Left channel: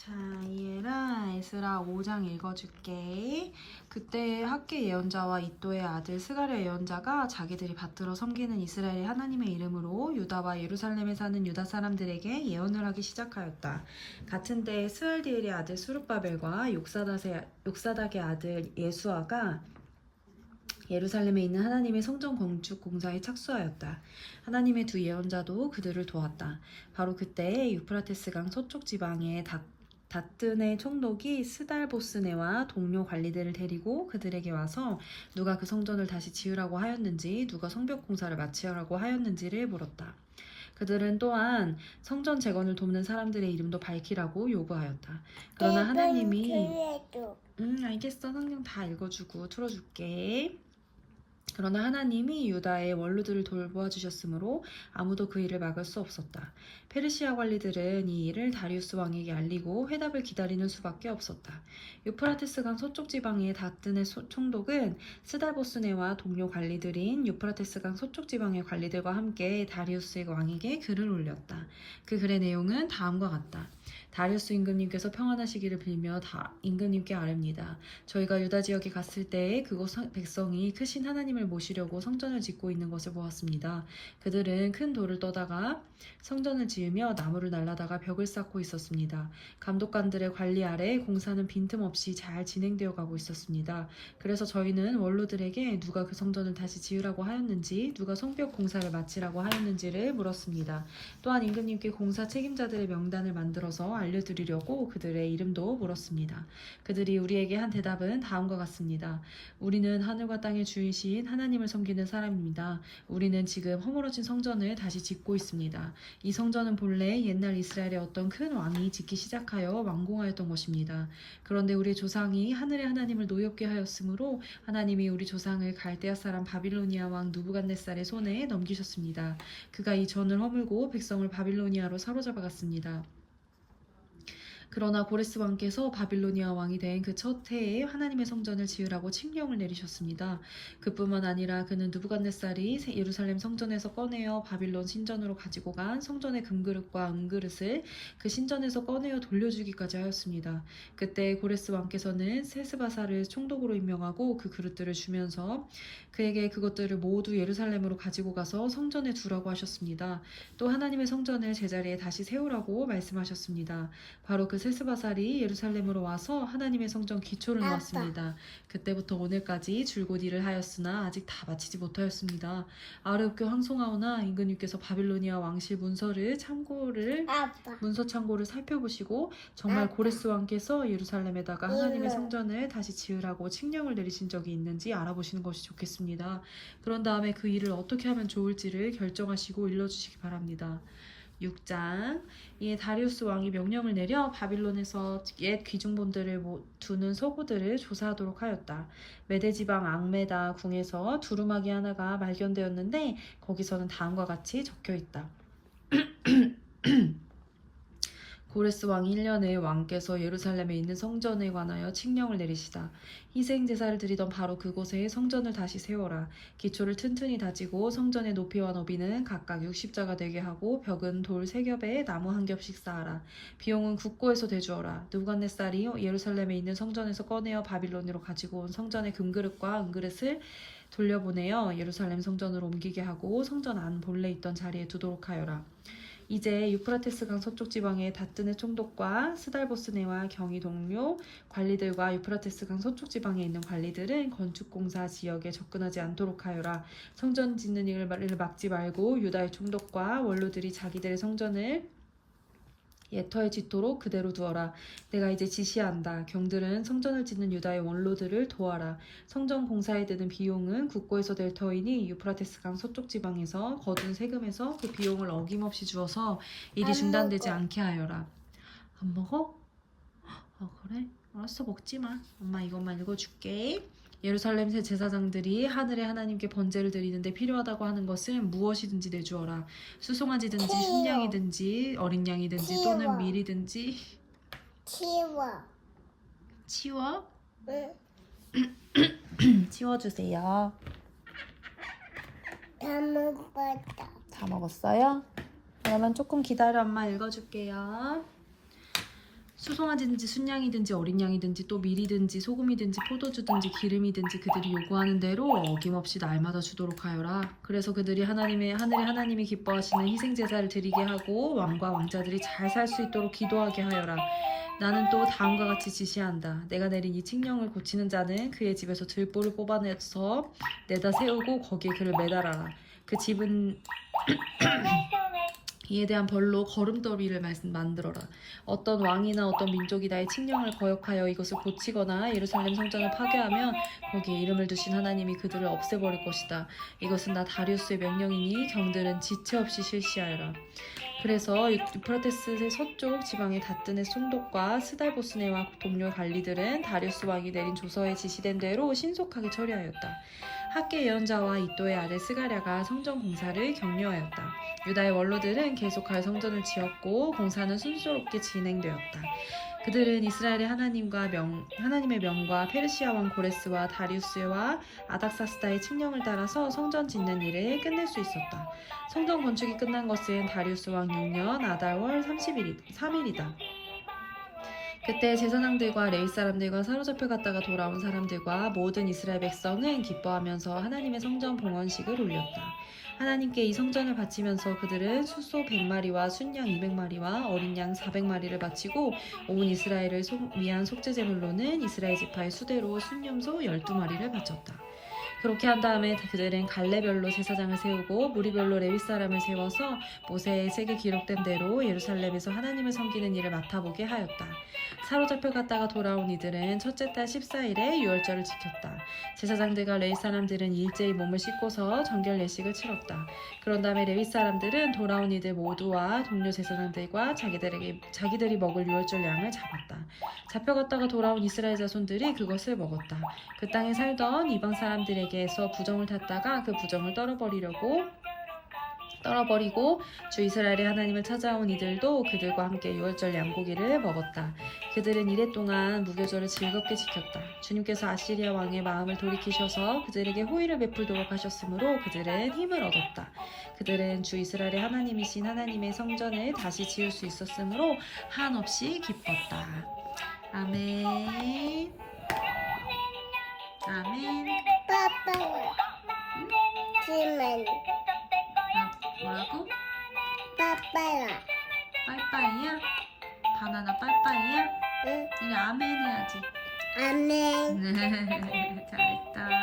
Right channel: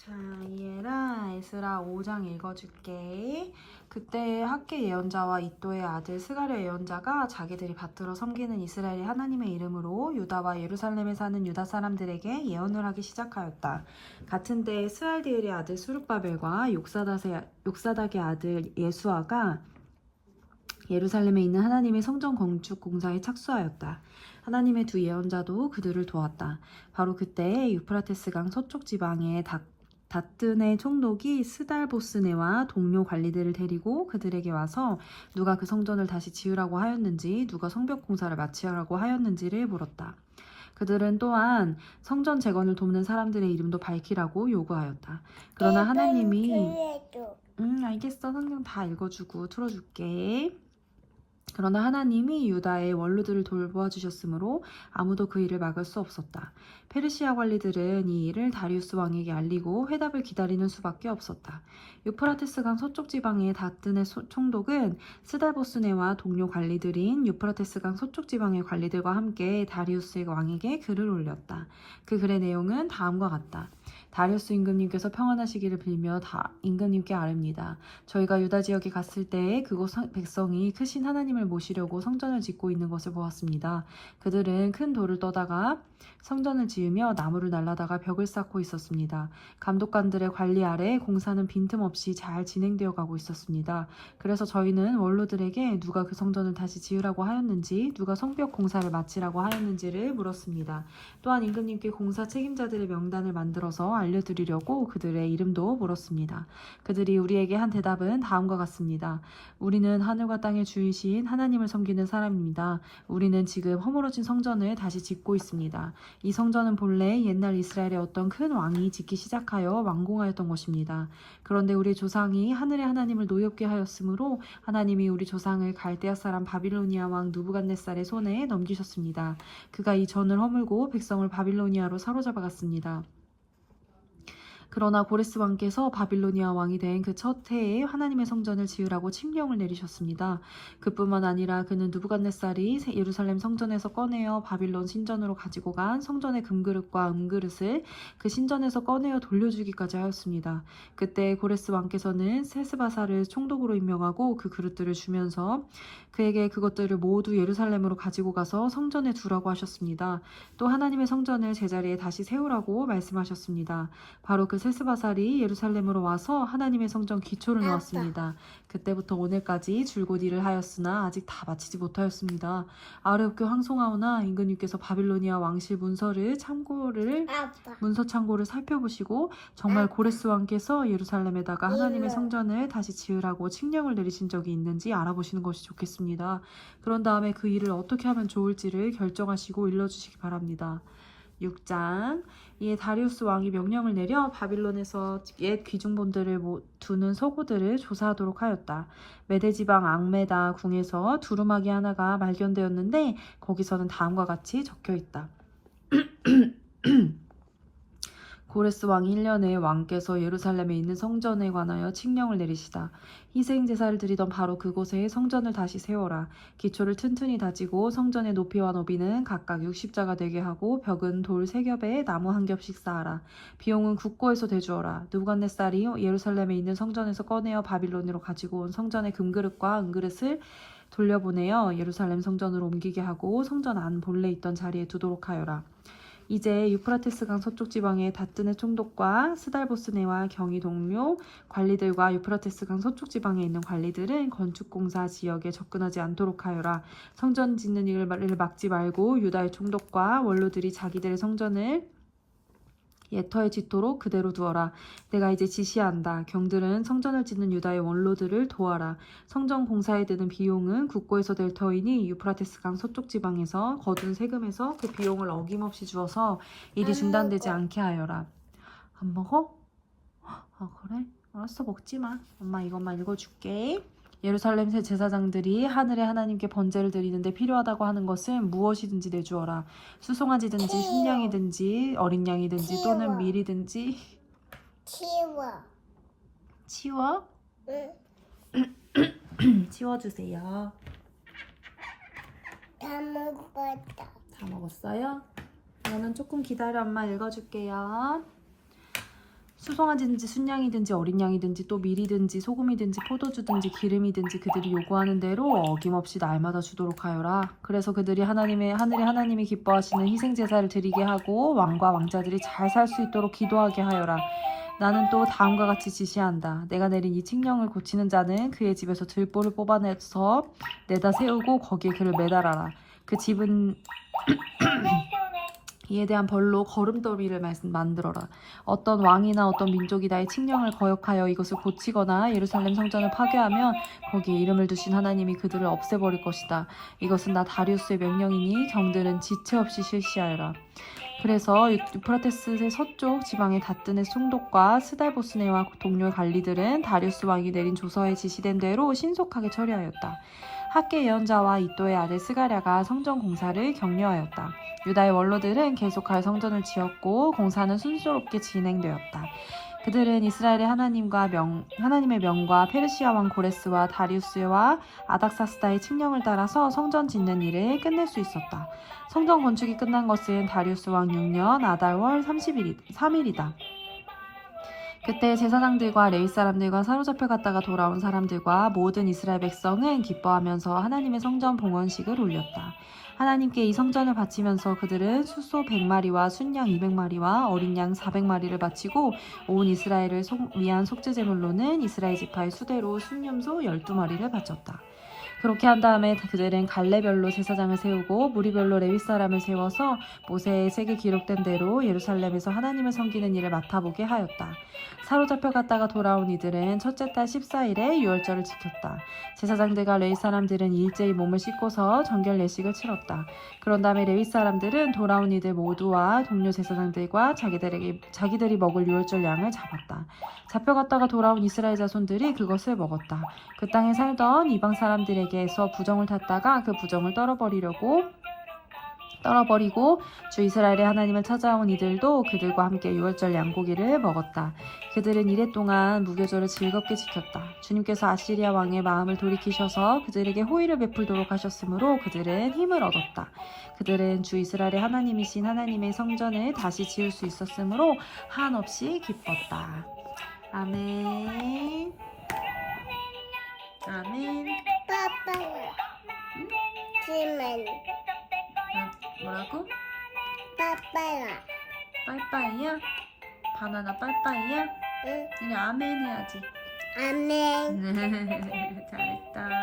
자, 이해라 에스라 5장 읽어줄게. 그때 학계 예언자와 이또의 아들 스가랴 예언자가 자기들이 받들어 섬기는 이스라엘의 하나님의 이름으로 유다와 예루살렘에 사는 유다 사람들에게 예언을 하기 시작하였다. 같은 때에 스알디엘의 아들 수룹바벨과 욕사닥의 아들 예수아가 예루살렘에 있는 하나님의 성전 건축 공사에 착수하였다. 하나님의 두 예언자도 그들을 도왔다. 바로 그때 유프라테스강 서쪽 지방의 다뜬의 총독이 스달보스네와 동료 관리들을 데리고 그들에게 와서 누가 그 성전을 다시 지으라고 하였는지, 누가 성벽 공사를 마치라고 하였는지를 물었다. 그들은 또한 성전 재건을 돕는 사람들의 이름도 밝히라고 요구하였다. 그러나 하나님이 알겠어. 성경 다 읽어주고 틀어줄게. 그러나 하나님이 유다의 원로들을 돌보아주셨으므로 아무도 그 일을 막을 수 없었다. 페르시아 관리들은 이 일을 다리우스 왕에게 알리고 회답을 기다리는 수밖에 없었다. 유프라테스강 서쪽 지방의 다뜬의 총독은 스달보스네와 동료 관리들인 유프라테스강 서쪽 지방의 관리들과 함께 다리우스 왕에게 글을 올렸다. 그 글의 내용은 다음과 같다. 다리우스 임금님께서 평안하시기를 빌며 임금님께 아뢰옵니다. 저희가 유다 지역에 갔을 때 그곳 백성이 크신 하나님을 모시려고 성전을 짓고 있는 것을 보았습니다. 그들은 큰 돌을 떠다가 성전을 지으며 나무를 날라다가 벽을 쌓고 있었습니다. 감독관들의 관리 아래 공사는 빈틈없이 잘 진행되어 가고 있었습니다. 그래서 저희는 원로들에게 누가 그 성전을 다시 지으라고 하였는지, 누가 성벽 공사를 마치라고 하였는지를 물었습니다. 또한 임금님께 공사 책임자들의 명단을 만들어서 알려드리려고 그들의 이름도 물었습니다. 그들이 우리에게 한 대답은 다음과 같습니다. 우리는 하늘과 땅의 주이신 하나님을 섬기는 사람입니다. 우리는 지금 허물어진 성전을 다시 짓고 있습니다. 이 성전은 본래 옛날 이스라엘의 어떤 큰 왕이 짓기 시작하여 완공하였던 것입니다. 그런데 우리 조상이 하늘의 하나님을 노엽게 하였으므로 하나님이 우리 조상을 갈대아 사람 바빌로니아 왕 누부갓네살의 손에 넘기셨습니다. 그가 이 전을 허물고 백성을 바빌로니아로 사로잡아 갔습니다. 그러나 고레스 왕께서 바빌로니아 왕이 된 그 첫 해에 하나님의 성전을 지으라고 칙령을 내리셨습니다. 그뿐만 아니라 그는 느부갓네살이 예루살렘 성전에서 꺼내어 바빌론 신전으로 가지고 간 성전의 금그릇과 은그릇을 그 신전에서 꺼내어 돌려주기까지 하였습니다. 그때 고레스 왕께서는 세스바사를 총독으로 임명하고 그 그릇들을 주면서 그에게 그것들을 모두 예루살렘으로 가지고 가서 성전에 두라고 하셨습니다. 또 하나님의 성전을 제자리에 다시 세우라고 말씀하셨습니다. 바로 그 세스바살이 예루살렘으로 와서 하나님의 성전 기초를 놓았습니다. 그때부터 오늘까지 줄곧 일을 하였으나 아직 다 마치지 못하였습니다. 아뢰옵게 황송하오나 임금님께서 바빌로니아 왕실 문서 창고를 살펴보시고 정말 고레스 왕께서 예루살렘에다가 하나님의 성전을 다시 지으라고 칙령을 내리신 적이 있는지 알아보시는 것이 좋겠습니다. 그런 다음에 그 일을 어떻게 하면 좋을지를 결정하시고 일러주시기 바랍니다. 6장. 이에 다리우스 왕이 명령을 내려 바빌론에서 옛 귀중본들을 두는 서고들을 조사하도록 하였다. 메대지방 앙메다 궁에서 두루마기 하나가 발견되었는데 거기서는 다음과 같이 적혀있다. 고레스 왕이 1년에 왕께서 예루살렘에 있는 성전에 관하여 칙령을 내리시다. 희생 제사를 드리던 바로 그곳에 성전을 다시 세워라. 기초를 튼튼히 다지고 성전의 높이와 너비는 각각 60자가 되게 하고 벽은 돌 3겹에 나무 1겹씩 쌓아라. 비용은 국고에서 대주어라. 느부갓네살이 예루살렘에 있는 성전에서 꺼내어 바빌론으로 가지고 온 성전의 금그릇과 은그릇을 돌려보내어 예루살렘 성전으로 옮기게 하고 성전 안 본래 있던 자리에 두도록 하여라. 이제 유프라테스강 서쪽 지방의 다뜬의 총독과 스달보스네와 경위 동료 관리들과 유프라테스강 서쪽 지방에 있는 관리들은 건축공사 지역에 접근하지 않도록 하여라. 성전 짓는 일을 막지 말고 유다의 총독과 원로들이 자기들의 성전을 예터에 짓도록 그대로 두어라. 내가 이제 지시한다. 경들은 성전을 짓는 유다의 원로들을 도와라. 성전 공사에 드는 비용은 국고에서 될 터이니 유프라테스강 서쪽 지방에서 거둔 세금에서 그 비용을 어김없이 주어서 일이 중단되지 않게 하여라. 안 먹어? 아 그래? 알았어, 먹지 마. 엄마 이것만 읽어줄게. 예루살렘 제사장들이 하늘의 하나님께 번제를 드리는데 필요하다고 하는 것은 무엇이든지 내주어라. 수송아지든지 순양이든지 어린 양이든지 또는 밀이든지. 치워? 응. 치워주세요. 다 먹었다. 다 먹었어요? 그러면 조금 기다려, 엄마 읽어줄게요. 수송아지든지 순양이든지 어린 양이든지 또 밀이든지 소금이든지 포도주든지 기름이든지 그들이 요구하는 대로 어김없이 날마다 주도록 하여라. 그래서 그들이 하늘의 하나님이 기뻐하시는 희생 제사를 드리게 하고 왕과 왕자들이 잘 살 수 있도록 기도하게 하여라. 나는 또 다음과 같이 지시한다. 내가 내린 이 칙령을 고치는 자는 그의 집에서 들보를 뽑아내서 내다 세우고 거기에 그를 매달아라. 그 집은 이에 대한 벌로 걸음더미를 만들어라. 어떤 왕이나 어떤 민족이 나의 칙령을 거역하여 이것을 고치거나 예루살렘 성전을 파괴하면 거기에 이름을 두신 하나님이 그들을 없애버릴 것이다. 이것은 나 다리우스의 명령이니 경들은 지체 없이 실시하여라. 그래서 유프라테스의 서쪽 지방의 다뜨네 총독과 스달보스네와 동료 관리들은 다리우스 왕이 내린 조서에 지시된 대로 신속하게 처리하였다. 학계 예언자와 이또의 아들 스가랴가 성전 공사를 격려하였다. 유다의 원로들은 계속하여 성전을 지었고 공사는 순조롭게 진행되었다. 그들은 이스라엘의 하나님의 명과 페르시아 왕 고레스와 다리우스와 아닥사스다의 칙령을 따라서 성전 짓는 일을 끝낼 수 있었다. 성전 건축이 끝난 것은 다리우스 왕 6년 아달월 3일이다. 그때 제사장들과 레위 사람들과 사로잡혀 갔다가 돌아온 사람들과 모든 이스라엘 백성은 기뻐하면서 하나님의 성전 봉헌식을 올렸다. 하나님께 이 성전을 바치면서 그들은 수소 100마리와 순양 200마리와 어린 양 400마리를 바치고 온 이스라엘을 위한 속죄제물로는 이스라엘 지파의 수대로 순념소 12마리를 바쳤다. 그렇게 한 다음에 그들은 갈래별로 제사장을 세우고 무리별로 레위 사람을 세워서 모세의 책에 기록된 대로 예루살렘에서 하나님을 섬기는 일을 맡아보게 하였다. 사로잡혀 갔다가 돌아온 이들은 첫째 달 14일에 유월절을 지켰다. 제사장들과 레위 사람들은 일제히 몸을 씻고서 정결 예식을 치렀다. 그런 다음에 레위 사람들은 돌아온 이들 모두와 동료 제사장들과 자기들이 먹을 유월절 양을 잡았다. 잡혀갔다가 돌아온 이스라엘 자손들이 그것을 먹었다. 그 땅에 살던 이방 사람들에게서 부정을 탔다가 그 부정을 떨어버리고 주 이스라엘의 하나님을 찾아온 이들도 그들과 함께 유월절 양고기를 먹었다. 그들은 이래 동안 무교절을 즐겁게 지켰다. 주님께서 아시리아 왕의 마음을 돌이키셔서 그들에게 호의를 베풀도록 하셨으므로 그들은 힘을 얻었다. 그들은 주 이스라엘의 하나님이신 하나님의 성전을 다시 지을 수 있었으므로 한없이 기뻤다. 아멘. 아멘. 빠빠야. 지만 뭐라고? 빠빠야. 빠이빠이야? 바나나 빠이빠이야? 응. 이제 아멘 해야지. 아멘. 잘했다.